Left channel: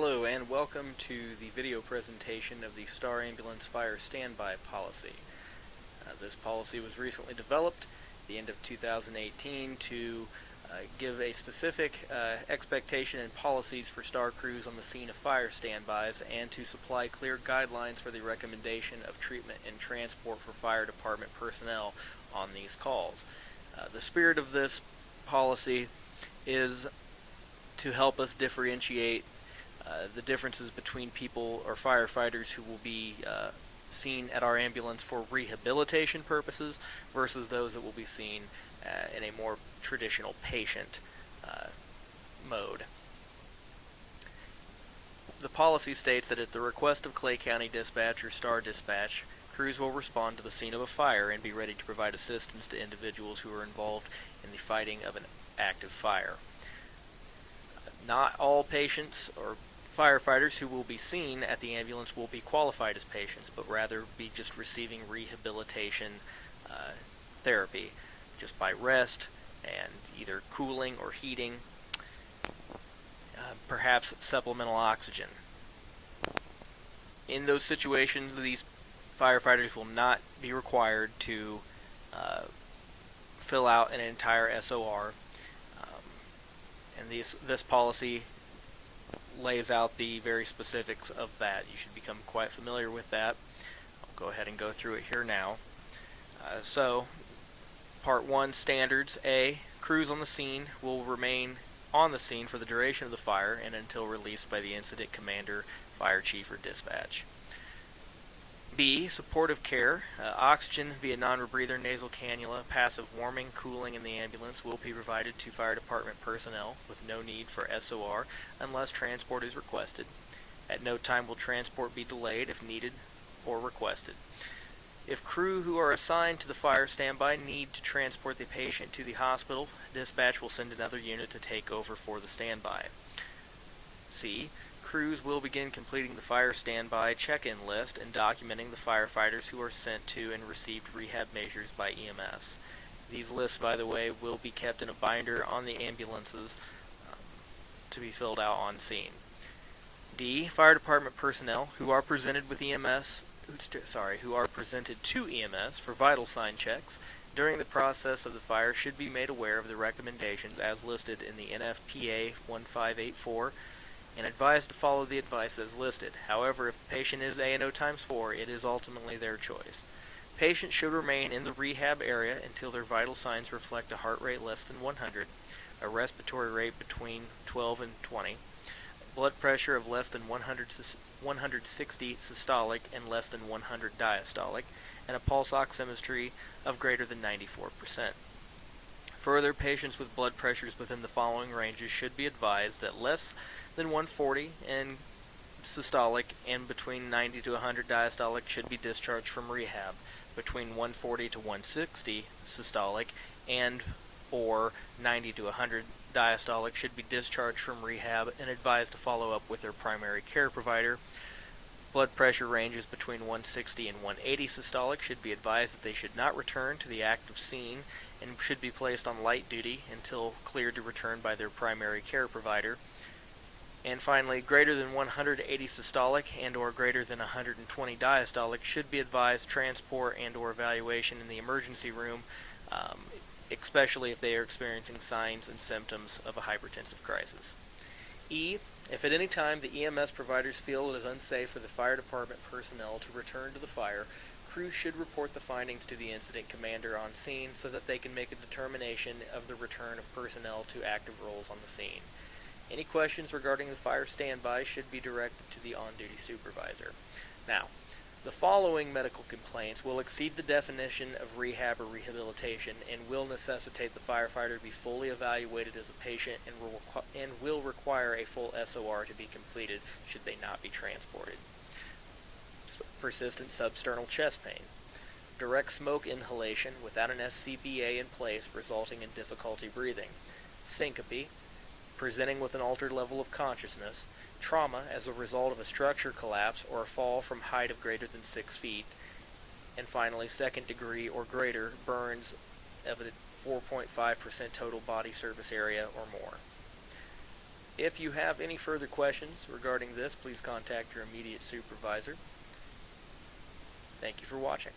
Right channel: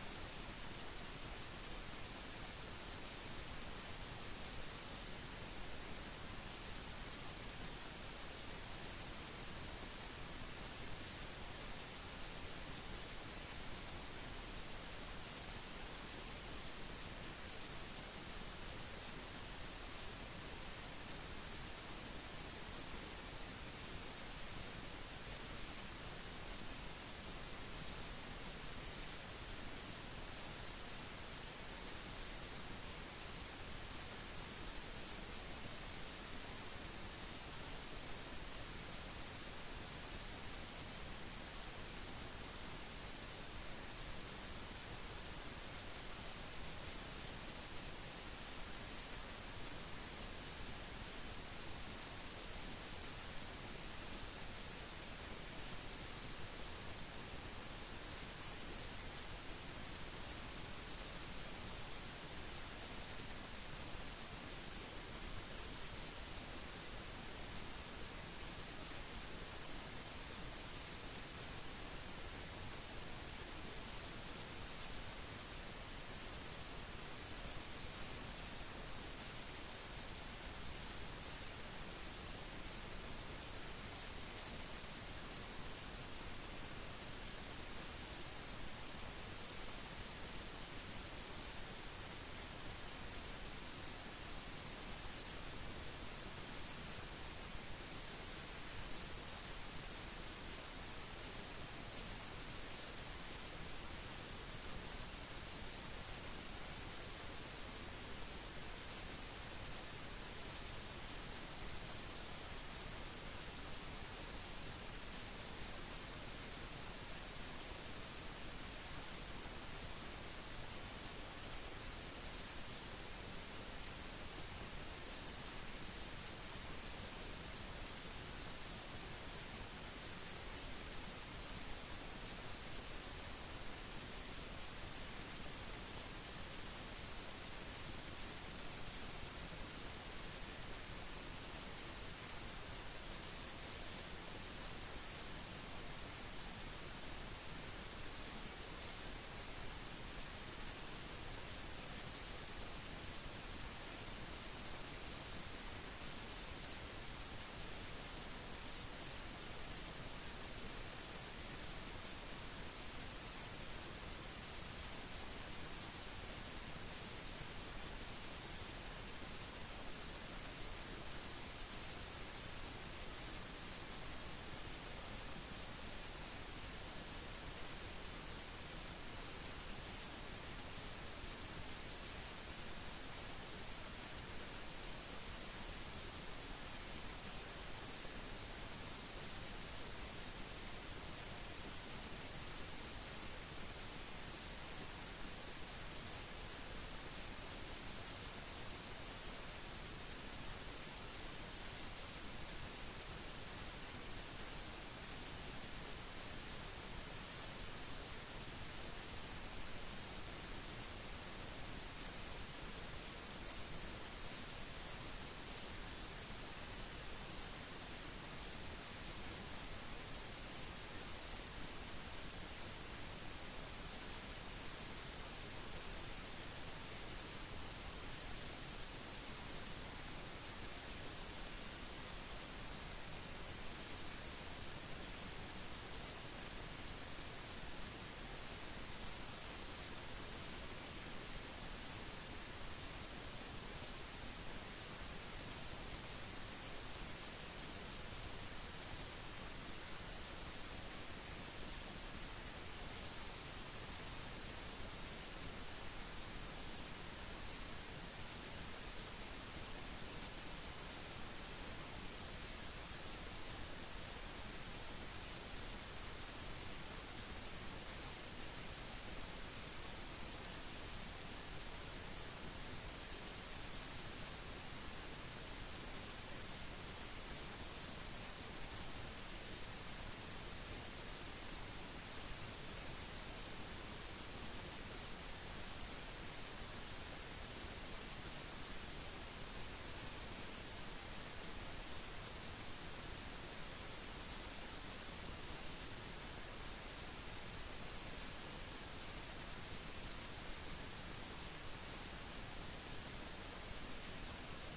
Hello and welcome to the video presentation of the Star Ambulance Fire Standby Policy. This policy was recently developed at the end of 2018 to give a specific expectation and policies for STAR crews on the scene of fire standbys and to supply clear guidelines for the recommendation of treatment and transport for fire department personnel on these calls. The spirit of this policy is to help us differentiate the differences between people or firefighters who will be seen at our ambulance for rehabilitation purposes versus those that will be seen in a more traditional patient mode. The policy states that at the request of Clay County Dispatch or STAR Dispatch, crews will respond to the scene of a fire and be ready to provide assistance to individuals who are involved in the fighting of an active fire. Not all patients or firefighters who will be seen at the ambulance will be qualified as patients, but rather be just receiving rehabilitation therapy, just by rest and either cooling or heating, perhaps supplemental oxygen. In those situations, these firefighters will not be required to fill out an entire SOR, and this policy lays out the very specifics of that. You should become quite familiar with that. I'll go ahead and go through it here now. So, Part 1, Standards. A. Crews on the scene will remain on the scene for the duration of the fire and until released by the incident commander, fire chief, or dispatch. B. Supportive care. Oxygen via non-rebreather nasal cannula, passive warming, cooling in the ambulance will be provided to fire department personnel with no need for SOR unless transport is requested. At no time will transport be delayed if needed or requested. If crew who are assigned to the fire standby need to transport the patient to the hospital, dispatch will send another unit to take over for the standby. C. Crews will begin completing the fire standby check-in list and documenting the firefighters who are sent to and received rehab measures by EMS. These lists, by the way, will be kept in a binder on the ambulances to be filled out on scene. D. Fire department personnel who are presented to EMS for vital sign checks during the process of the fire should be made aware of the recommendations as listed in the NFPA 1584 and advised to follow the advice as listed. However, if the patient is ANO times 4, it is ultimately their choice. Patients should remain in the rehab area until their vital signs reflect a heart rate less than 100, a respiratory rate between 12 and 20, blood pressure of less than 160 systolic and less than 100 diastolic, and a pulse oximetry of greater than 94%. Further, patients with blood pressures within the following ranges should be advised that less than 140 in systolic and between 90 to 100 diastolic should be discharged from rehab. Between 140 to 160 systolic and or 90 to 100 diastolic should be discharged from rehab and advised to follow up with their primary care provider. Blood pressure ranges between 160 and 180 systolic should be advised that they should not return to the active scene and should be placed on light duty until cleared to return by their primary care provider. And finally, greater than 180 systolic and or greater than 120 diastolic should be advised transport and or evaluation in the emergency room, especially if they are experiencing signs and symptoms of a hypertensive crisis. E. If at any time the EMS providers feel it is unsafe for the fire department personnel to return to the fire, crews should report the findings to the incident commander on scene so that they can make a determination of the return of personnel to active roles on the scene. Any questions regarding the fire standby should be directed to the on-duty supervisor. Now, the following medical complaints will exceed the definition of rehab or rehabilitation and will necessitate the firefighter to be fully evaluated as a patient and will require a full SOR to be completed should they not be transported. Persistent substernal chest pain. Direct smoke inhalation without an SCBA in place resulting in difficulty breathing. Syncope. Presenting with an altered level of consciousness, trauma as a result of a structure collapse or a fall from height of greater than 6 feet, and finally, second degree or greater burns of a 4.5% total body surface area or more. If you have any further questions regarding this, please contact your immediate supervisor. Thank you for watching.